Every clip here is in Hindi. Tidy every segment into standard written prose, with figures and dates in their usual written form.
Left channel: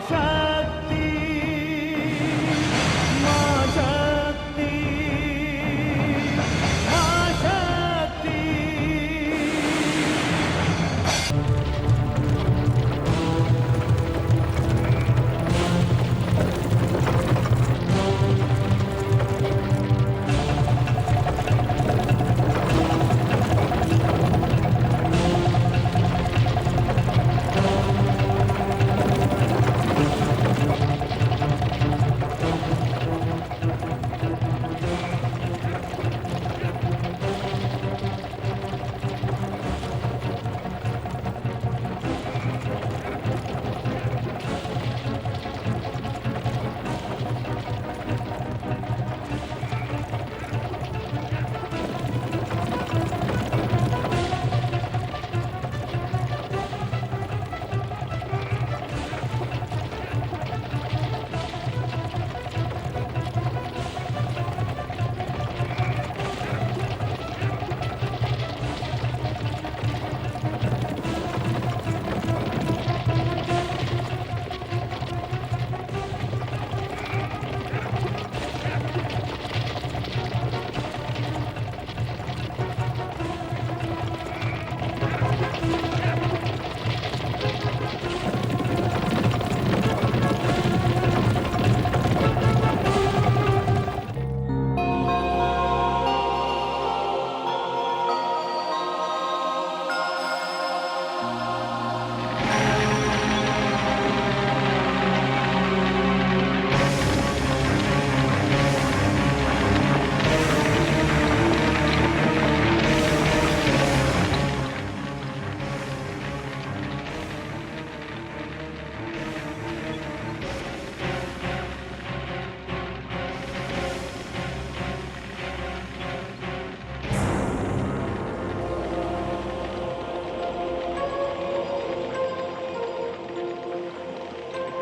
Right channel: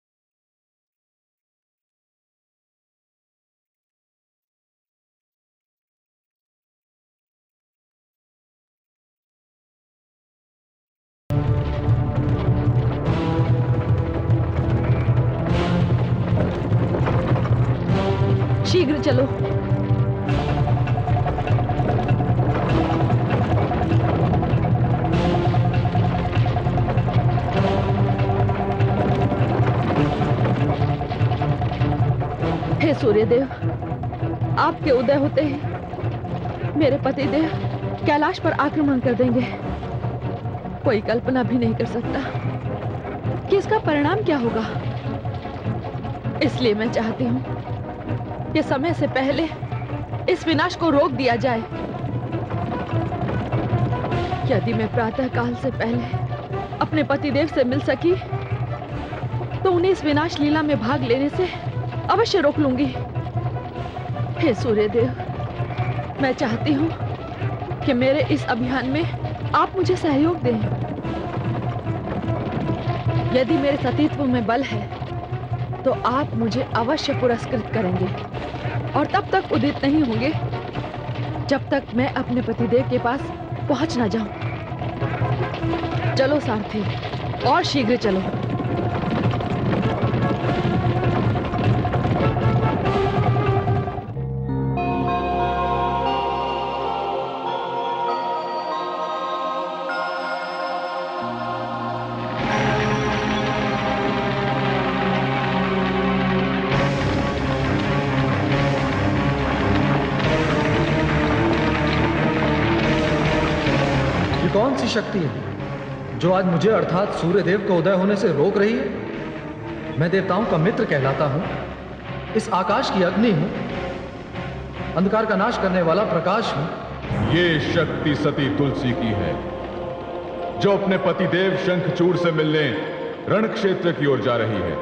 शक्ति, मां शक्ति, मां शक्ति। शीघ्र चलो। हे सूर्यदेव, आपके उदय होते ही मेरे पतिदेव कैलाश पर आक्रमण कर देंगे। कोई कल्पना भी नहीं कर सकता कि इसका परिणाम क्या होगा। इसलिए मैं चाहती हूँ कि समय से पहले इस विनाश को रोक दिया जाए। यदि मैं प्रातः काल से पहले अपने पतिदेव से मिल सकी तो उन्हें इस विनाश लीला में भाग लेने से अवश्य रोक लूंगी। हे सूर्यदेव, मैं चाहती हूँ कि मेरे इस अभियान में आप मुझे सहयोग दें। यदि मेरे सतीत्व में बल है तो आप मुझे अवश्य पुरस्कृत करेंगे और तब तक उदित नहीं होंगे जब तक मैं अपने पतिदेव के पास पहुंच ना जाऊं। चलो सारथी, और शीघ्र चलो। शक्ति है जो आज मुझे अर्थात सूर्यदेव को उदय होने से रोक रही है। मैं देवताओं का मित्र कहलाता हूं, इस आकाश की अग्नि हूं, अंधकार का नाश करने वाला प्रकाश हूं। ये शक्ति सती तुलसी की है जो अपने पतिदेव शंखचूड़ से मिलने रण क्षेत्र की ओर जा रही है।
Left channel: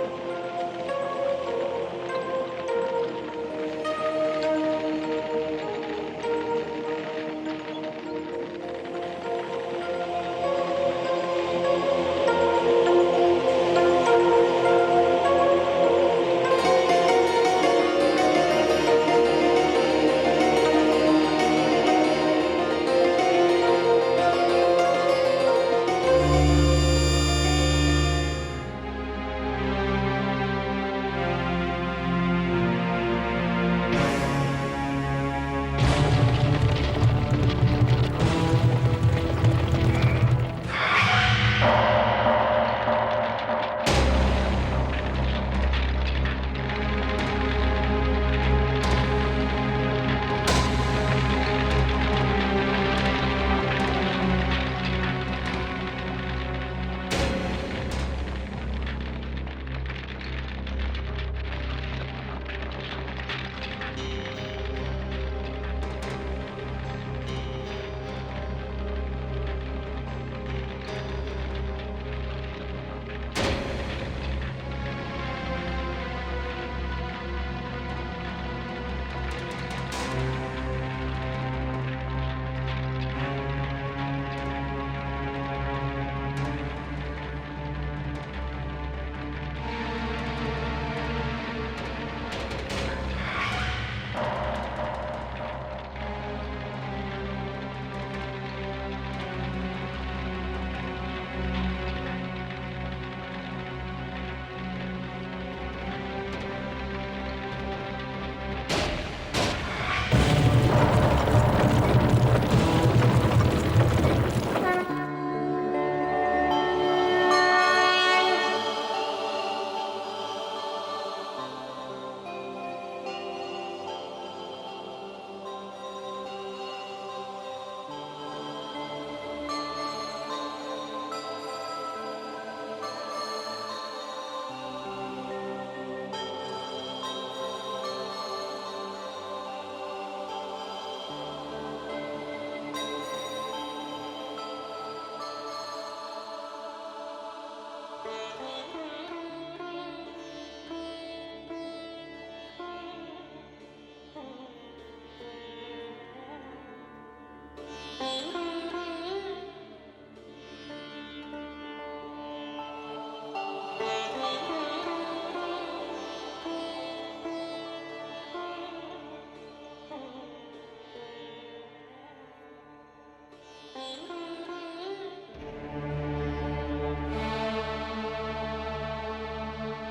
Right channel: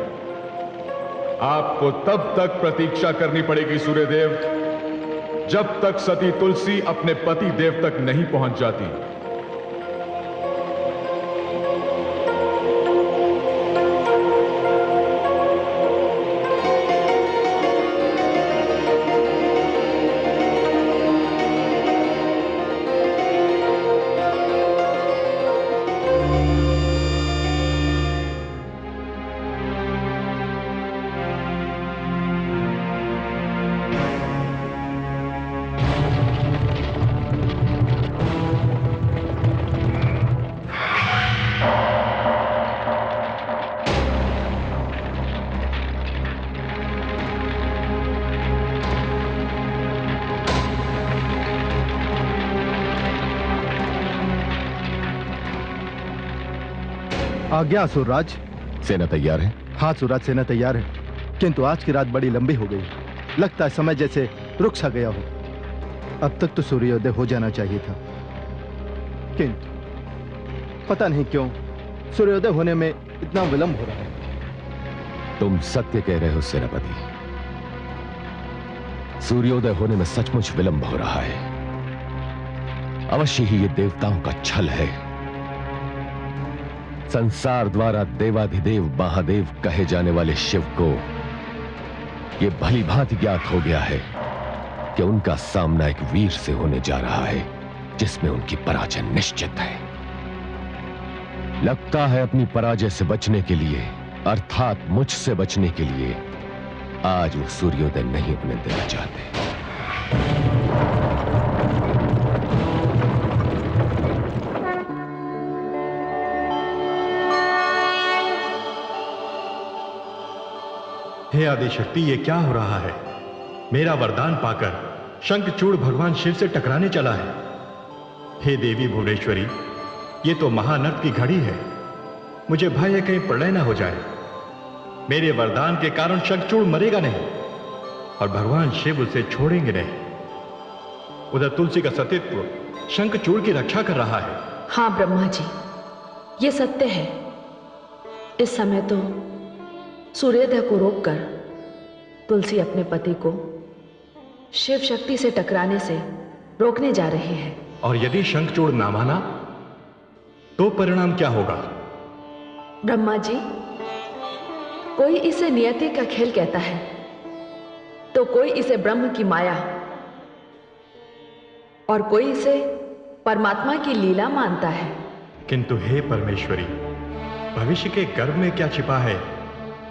आपको तब तक प्रतीक्षा करनी पड़ेगी सूर्यदेव जब तक सती तुलसी अपने पतिदेव तक नहीं पहुंच जाती। आज्ञा असुरराज। सेना तैयार है? हाँ सुराज, सेना तैयार है, किंतु आज की रात बड़ी लंबी हो गई। लगता है समय जैसे रुक सा गया हो। अब तक तो सूर्योदय हो जाना चाहिए था, किंतु पता नहीं क्यों सूर्योदय होने में इतना विलंब हो रहा है। तुम सत्य कह रहे हो सेनापति, सूर्योदय होने में सचमुच विलंब हो रहा है। अवश्य ही ये देवताओं का छल है। संसार द्वारा देवाधिदेव महादेव कहे जाने वाले शिव को यह भली भांति ज्ञात हो गया है कि उनका सामना एक वीर से होने जा रहा है जिसमें उनकी पराजय निश्चित है। लगता है अपनी पराजय से बचने के लिए, अर्थात मुझसे बचने के लिए, आज वो सूर्योदय नहीं होने देना चाहते। हे आदिशक्ति, ये क्या हो रहा है? मेरा वरदान पाकर शंखचूड़ भगवान शिव से टकराने चला है। हे देवी भुवनेश्वरी, ये तो महानर्क की घड़ी है। मुझे भय है कहीं प्रलय न हो जाए। मेरे वरदान के कारण शंखचूड़ मरेगा नहीं और भगवान शिव उसे छोड़ेंगे नहीं। उधर तुलसी का सतीत्व शंखचूड़ की रक्षा कर रहा है। हाँ ब्रह्मा जी, ये सत्य है। इस समय तो सूर्योदय को रोककर तुलसी अपने पति को शिव शक्ति से टकराने से रोकने जा रही है। और यदि शंखचूड़ ना माना तो परिणाम क्या होगा? ब्रह्मा जी, कोई इसे नियति का खेल कहता है, तो कोई इसे ब्रह्म की माया, और कोई इसे परमात्मा की लीला मानता है। किंतु हे परमेश्वरी, भविष्य के गर्भ में क्या छिपा है,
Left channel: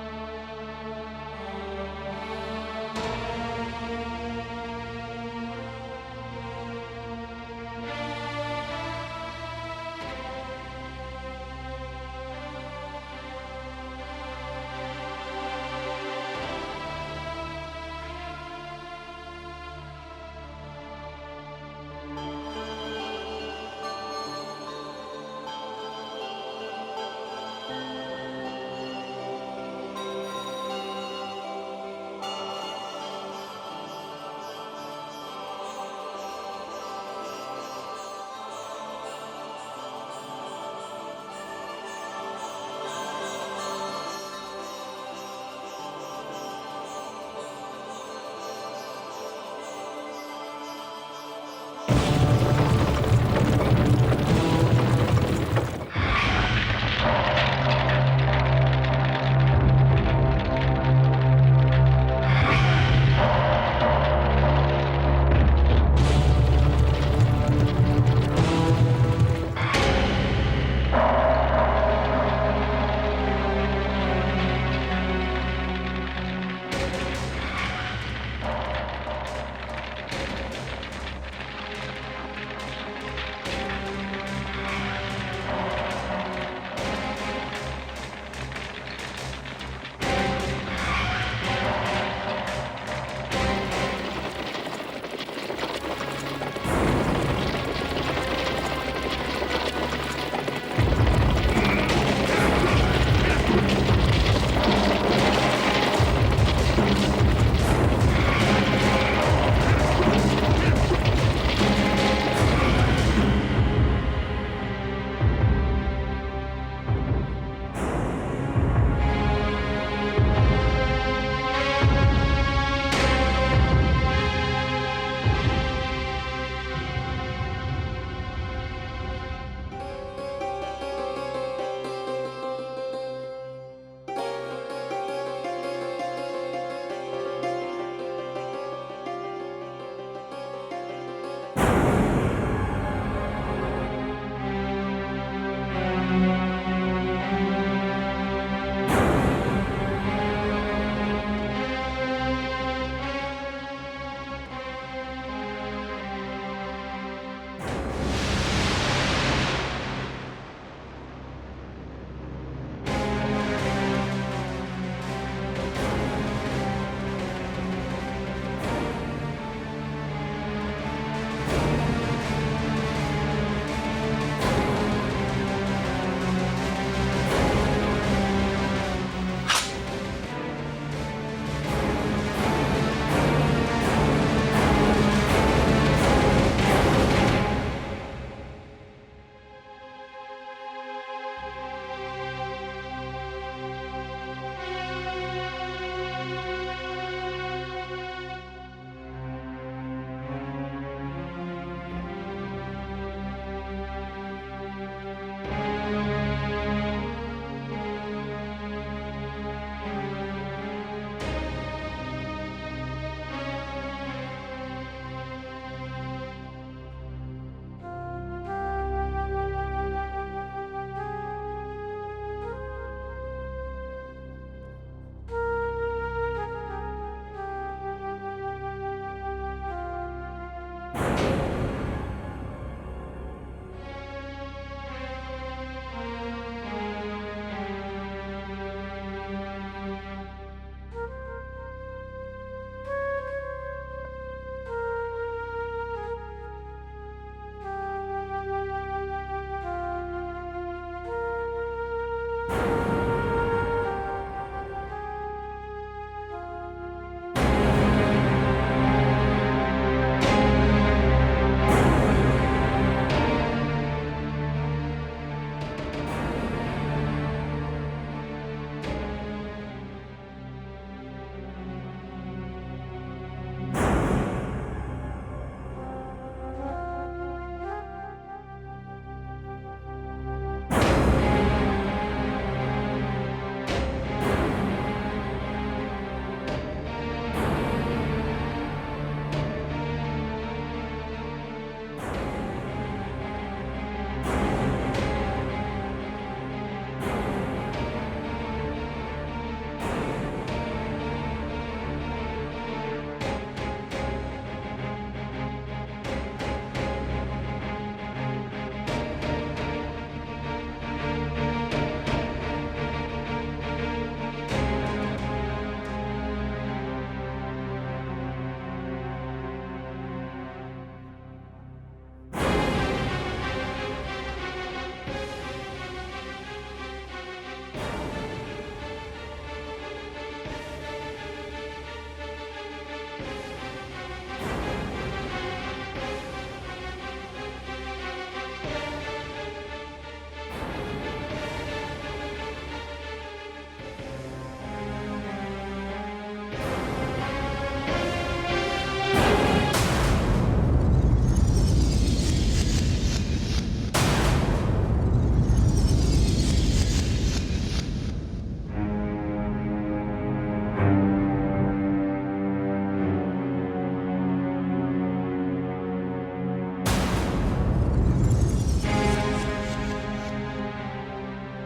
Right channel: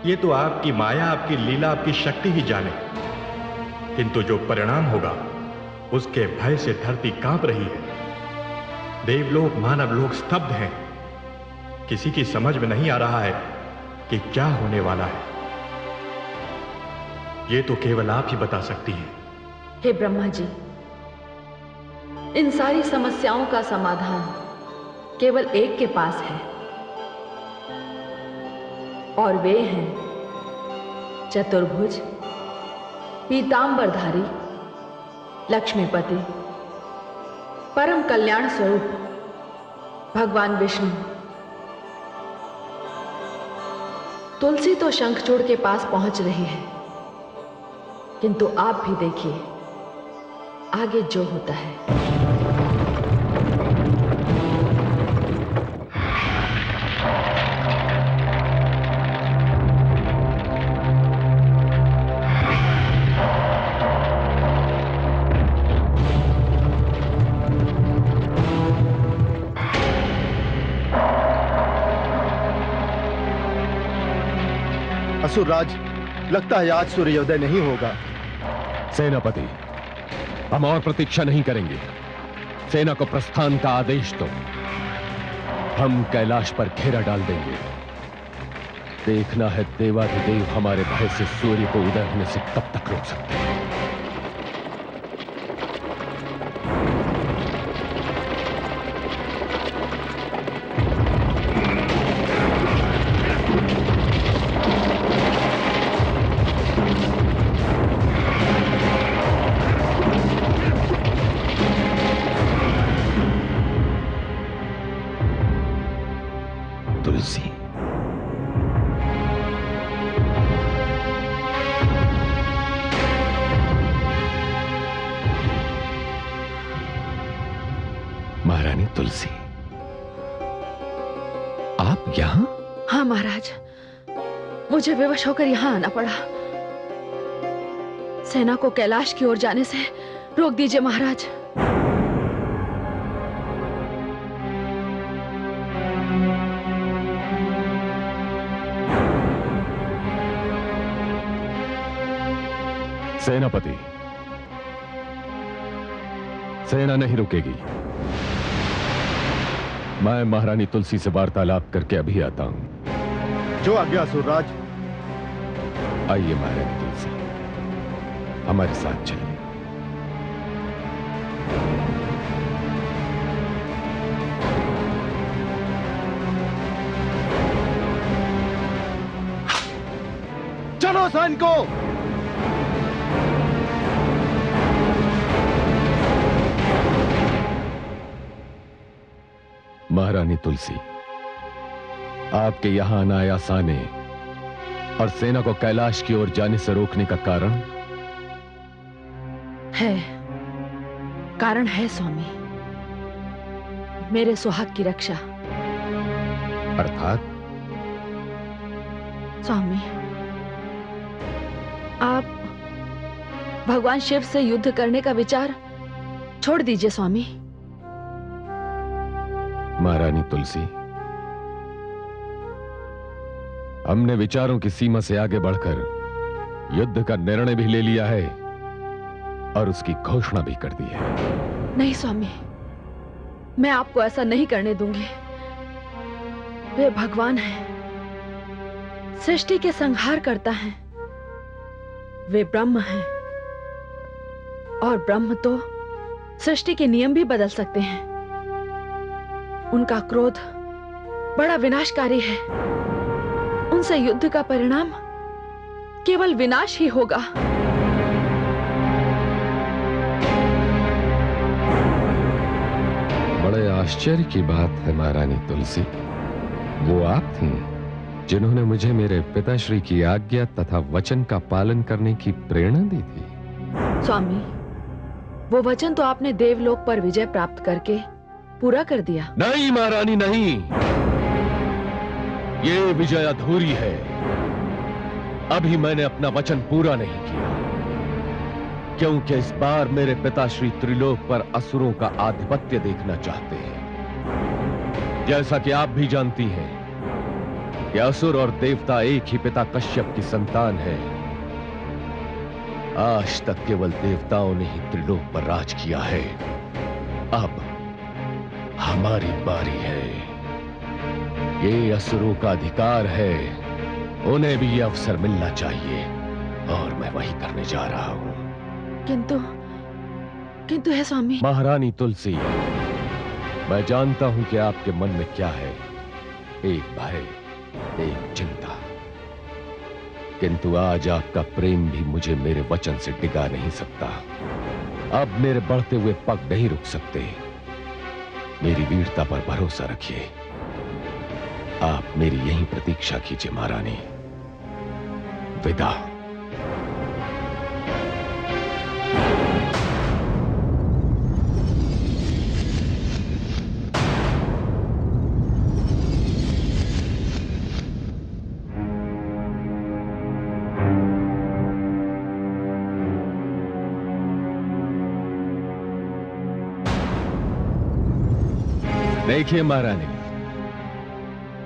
ये तो आपकी माया, आपकी लीला, आपकी शक्ति ही जाने। किंतु जो परिणाम होगा, उसके भय से धरती कांप रही है। देवलोक, मानव लोक स्तब्ध हैं। किसी की समझ में नहीं आ रहा है कि क्या होने वाला है। ये तो केवल आप ही बता सकती हैं। हे ब्रह्मा जी, इन सारी समस्याओं का समाधान केवल एक के पास है, और वे हैं चतुर्भुज, पीतांबरधारी, लक्ष्मीपति, परम कल्याण स्वरूप भगवान विष्णु। तुलसी तो शंखचूड़ के पास पहुंच रही है, किंतु आप भी देखिए आगे जो होता है। असुरराज, लगता है आज सूर्योदय नहीं होगा। सेनापति, हम और प्रतीक्षा नहीं करेंगे। सेना को प्रस्थान का आदेश दो। हम कैलाश पर घेरा डाल देंगे। देखना है देवाधिदेव हमारे भय से सूर्य को उदय होने से कब तक रोक सकते हैं। तुलसी, महारानी तुलसी, आप यहां? हाँ महाराज, मुझे विवश होकर यहां आना पड़ा। सेना को कैलाश की ओर जाने से रोक दीजिए महाराज। सेनापति, सेना नहीं रुकेगी। मैं महारानी तुलसी से वार्तालाप करके अभी आता हूं। जो आज्ञा असुरराज। आइए महारानी तुलसी, हमारे साथ चलिए। चलो सैनिकों, महारानी तुलसी, आपके यहां अनायास आने और सेना को कैलाश की ओर जाने से रोकने का कारण है स्वामी, मेरे सुहाग की रक्षा। अर्थात? स्वामी, आप भगवान शिव से युद्ध करने का विचार छोड़ दीजिए स्वामी। महारानी तुलसी, हमने विचारों की सीमा से आगे बढ़कर युद्ध का निर्णय भी ले लिया है और उसकी घोषणा भी कर दी है। नहीं स्वामी, मैं आपको ऐसा नहीं करने दूंगी। वे भगवान हैं, सृष्टि के संहार करता है। वे ब्रह्म हैं, और ब्रह्म तो सृष्टि के नियम भी बदल सकते हैं। उनका क्रोध बड़ा विनाशकारी है। उनसे युद्ध का परिणाम केवल विनाश ही होगा। बड़े आश्चर्य की बात है महारानी तुलसी, वो आप थीं जिन्होंने मुझे मेरे पिताश्री की आज्ञा तथा वचन का पालन करने की प्रेरणा दी थी। स्वामी, वो वचन तो आपने देवलोक पर विजय प्राप्त करके पूरा कर दिया। नहीं महारानी, नहीं, ये विजय अधूरी है। अभी मैंने अपना वचन पूरा नहीं किया, क्योंकि इस बार मेरे पिता श्री त्रिलोक पर असुरों का आधिपत्य देखना चाहते हैं। जैसा कि आप भी जानती हैं कि असुर और देवता एक ही पिता कश्यप की संतान है। आज तक केवल देवताओं ने ही त्रिलोक पर राज किया है। अब हमारी बारी है। ये असुरों का अधिकार है, उन्हें भी ये अवसर मिलना चाहिए और मैं वही करने जा रहा हूं। किंतु है स्वामी। महारानी तुलसी, मैं जानता हूं कि आपके मन में क्या है, एक भय, एक चिंता, किंतु आज आपका प्रेम भी मुझे मेरे वचन से डिगा नहीं सकता। अब मेरे बढ़ते हुए पग नहीं रुक सकते। मेरी वीरता पर भरोसा रखिए। आप मेरी यही प्रतीक्षा कीजिए महारानी। विदा। देखिए महारानी,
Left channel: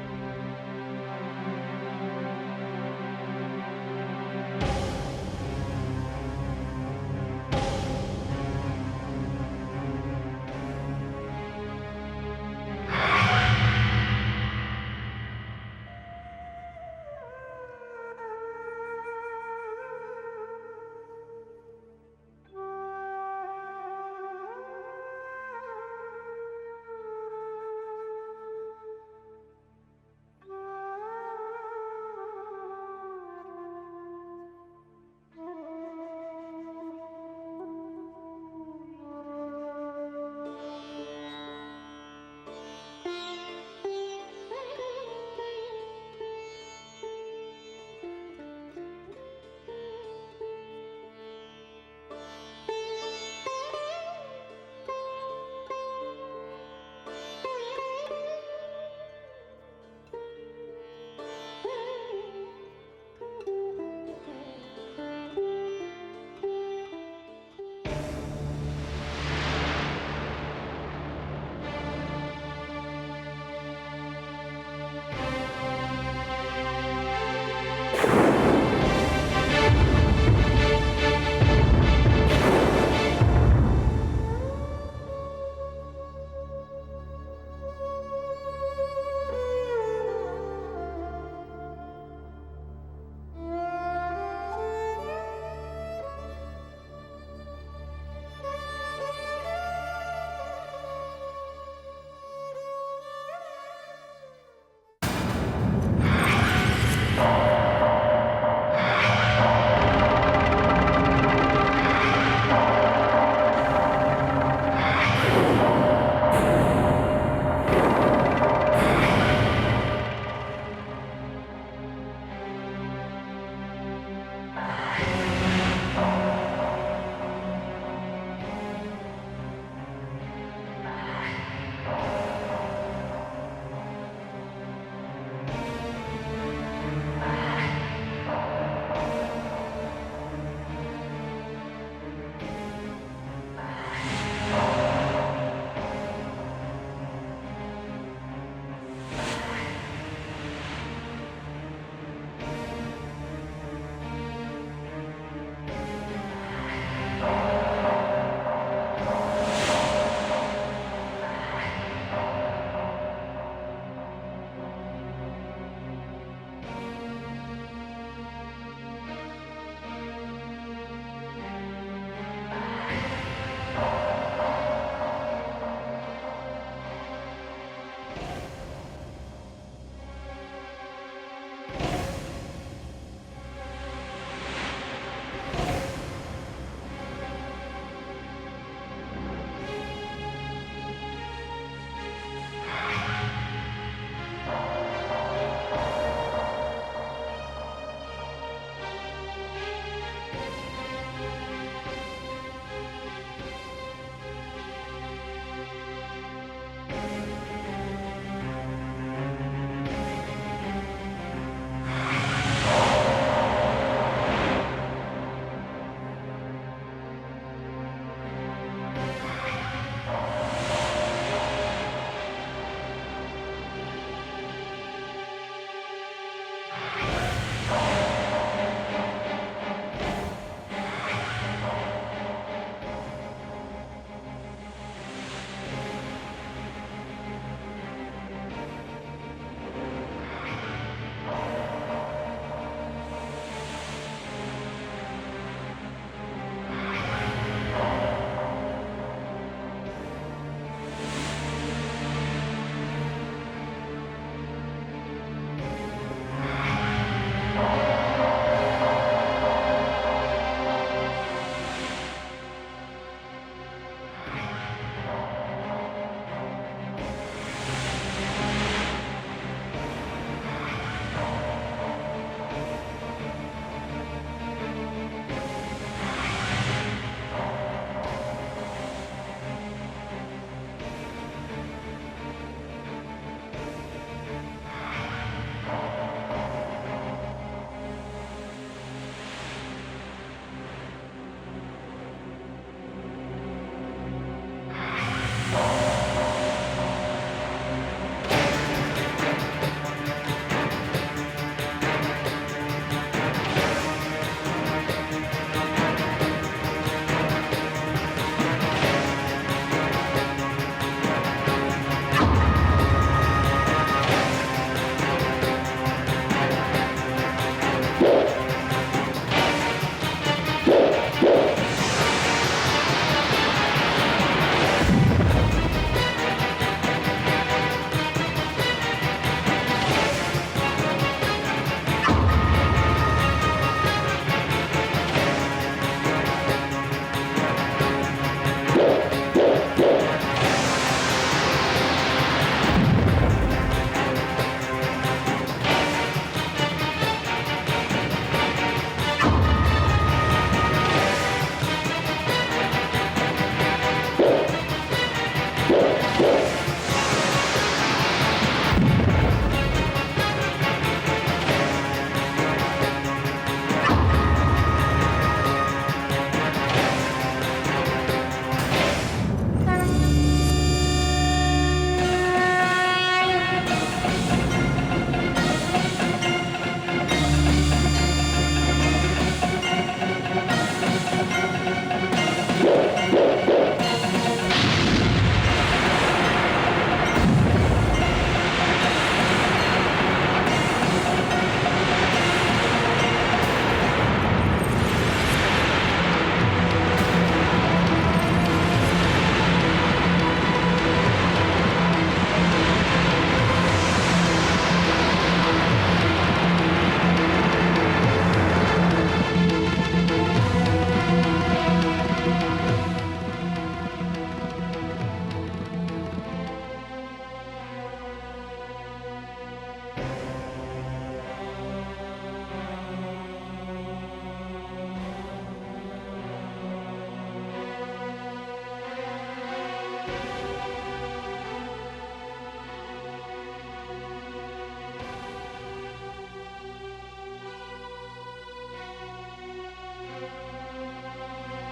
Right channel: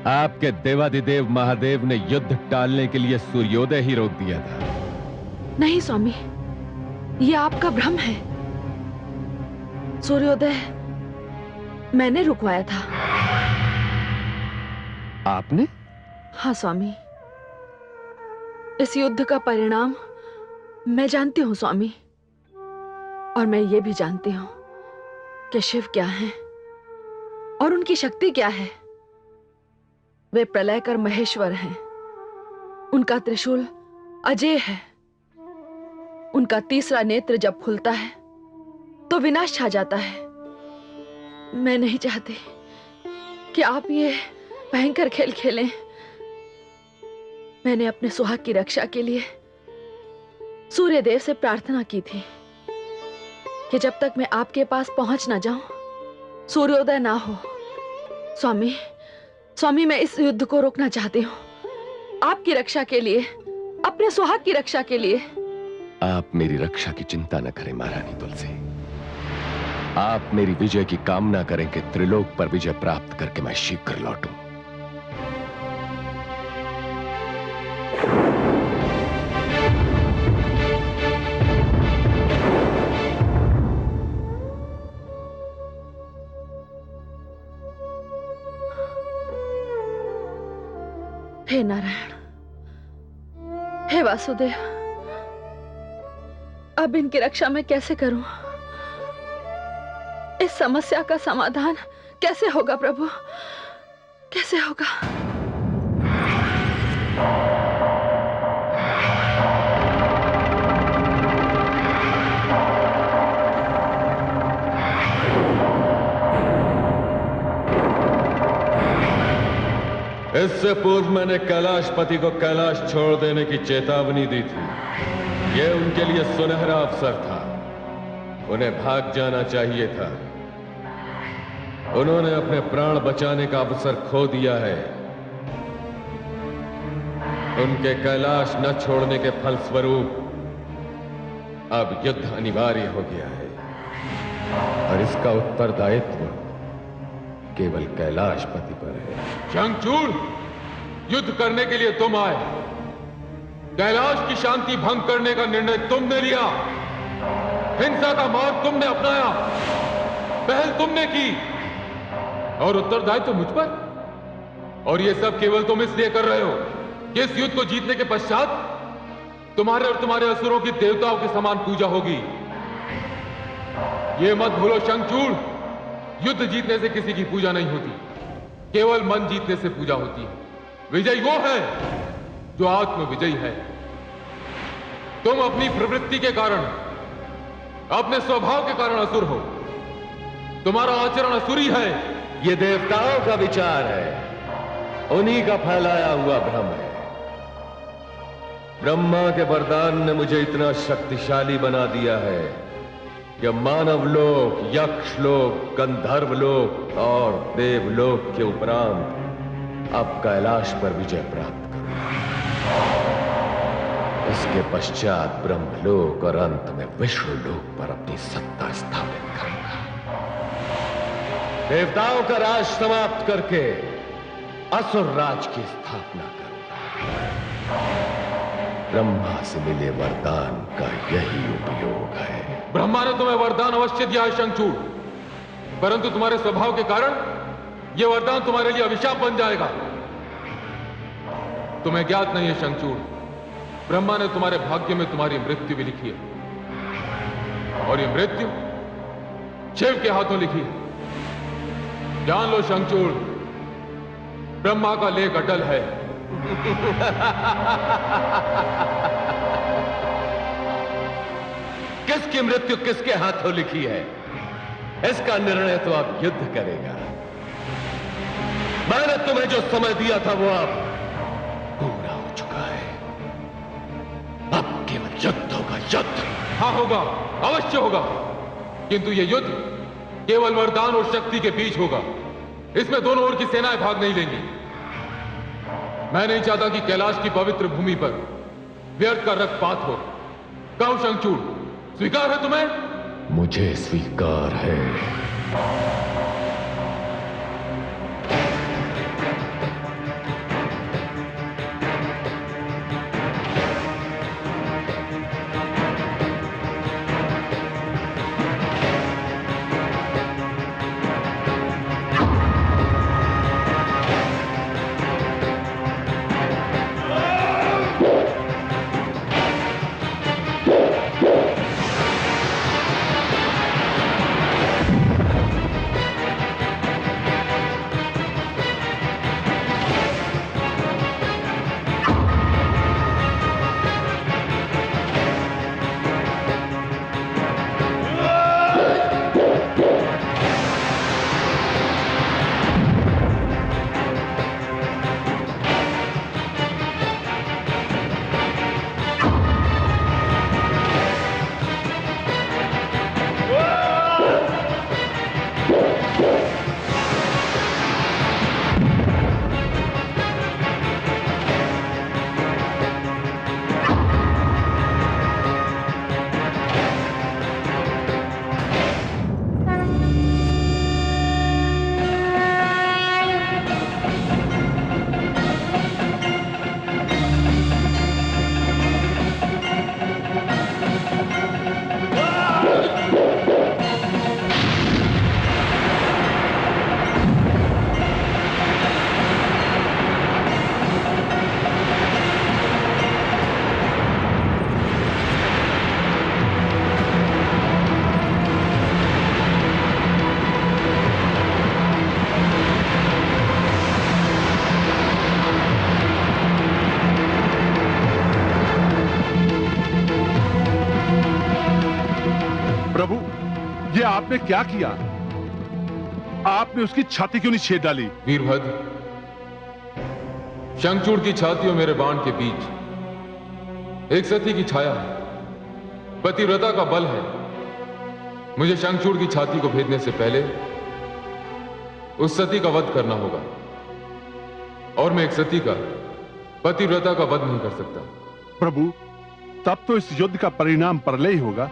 आपके देवाधिदेव महादेव ने युद्ध टालने के लिए सूर्योदय ही रोक दिया था। नहीं स्वामी, यह आपका भ्रम है। सूर्योदय मैंने रुकवाया था। आपने? हाँ स्वामी, इस युद्ध का परिणाम मैं जानती हूं स्वामी, और मैं ये भी जानती हूं कि शिव क्या है और उनकी शक्ति क्या है। वे प्रलयकर महेश्वर हैं। उनका त्रिशूल अजेय है। उनका तीसरा नेत्र जब खुलता है तो विनाश छा जाता है। मैं नहीं चाहती कि आप ये भयंकर खेल खेलें। मैंने अपने सुहाग की रक्षा के लिए सूर्यदेव से प्रार्थना की थी कि जब तक मैं आपके पास पहुंच ना जाऊं, सूर्योदय ना हो। स्वामी, मैं इस युद्ध को रोकना चाहती हूँ, आपकी रक्षा के लिए, अपने सुहाग की रक्षा के लिए। आप मेरी रक्षा की चिंता न करें महारानी तुलसी। आप मेरी विजय की कामना करें कि त्रिलोक पर विजय प्राप्त करके मैं शीघ्र लौटूं। हे नारायण, हे वासुदेव, अब इनकी रक्षा मैं कैसे करूं? इस समस्या का समाधान कैसे होगा प्रभु? कैसे होगा? इससे पूर्व मैंने कैलाशपति को कैलाश छोड़ देने की चेतावनी दी थी। यह उनके लिए सुनहरा अवसर था। उन्हें भाग जाना चाहिए था। उन्होंने अपने प्राण बचाने का अवसर खो दिया है। उनके कैलाश न छोड़ने के फलस्वरूप अब युद्ध अनिवार्य हो गया है और इसका उत्तरदायित्व केवल कैलाशपति पर है। शंखचूड़, युद्ध करने के लिए तुम आए। कैलाश की शांति भंग करने का निर्णय तुमने लिया। हिंसा का मार्ग तुमने अपनाया। पहल तुमने की और उत्तरदायित्व मुझ पर। और ये सब केवल तुम इसलिए कर रहे हो कि इस युद्ध को जीतने के पश्चात तुम्हारे और तुम्हारे असुरों की देवताओं के समान पूजा होगी। ये मत भूलो शंखचूड़, युद्ध जीतने से किसी की पूजा नहीं होती, केवल मन जीतने से पूजा होती है। विजयी वो है जो आत्म विजयी है। तुम अपनी प्रवृत्ति के कारण, अपने स्वभाव के कारण असुर हो। तुम्हारा आचरण असुरी है। ये देवताओं का विचार है, उन्हीं का फैलाया हुआ भ्रम है। ब्रह्मा के वरदान ने मुझे इतना शक्तिशाली बना दिया है कि मानव लोक, यक्ष लोक, गंधर्व लोक और देवलोक के उपरांत अब कैलाश पर विजय प्राप्त करूं। उसके पश्चात ब्रह्मलोक और अंत में विष्णु लोक पर अपनी सत्ता स्थापित करूंगा। देवताओं का राज समाप्त करके असुर राज की स्थापना करूंगा। ब्रह्मा से मिले वरदान का यही उपयोग है। ब्रह्मा ने तुम्हें वरदान अवश्य दिया है शंखचूड़, परंतु तुम्हारे स्वभाव के कारण यह वरदान तुम्हारे लिए अभिशाप बन जाएगा। तुम्हें ज्ञात नहीं है शंखचूड़, ब्रह्मा ने तुम्हारे भाग्य में तुम्हारी मृत्यु भी लिखी है, और ये मृत्यु शिव के हाथों लिखी है। जान लो शंखचूड़, ब्रह्मा का लेख अटल है। किसकी मृत्यु किसके हाथों लिखी है, इसका निर्णय तो अब युद्ध करेगा। मैंने तुम्हें जो समय दिया था वो अब पूरा हो चुका है। अब केवल युद्ध होगा, युद्ध। हाँ होगा, अवश्य होगा, किंतु यह युद्ध केवल वरदान और शक्ति के बीच होगा। इसमें दोनों ओर की सेनाएं भाग नहीं लेंगी। मैं नहीं चाहता कि कैलाश की पवित्र भूमि पर व्यर्थ का रक्तपात हो। कहो शंखचूड़, स्वीकार है तुम्हें? मुझे स्वीकार है। आपने क्या किया? आपने उसकी छाती क्यों नहीं छेद डाली? वीरभद्र, शंखचूड़ की छाती और मेरे बाण के बीच एक सती की छाया है, पतिव्रता का बल है। मुझे शंखचूड़ की छाती को भेदने से पहले उस सती का वध करना होगा, और मैं एक सती का पतिव्रता का वध नहीं कर सकता। प्रभु, तब तो इस युद्ध का परिणाम परले ही होगा।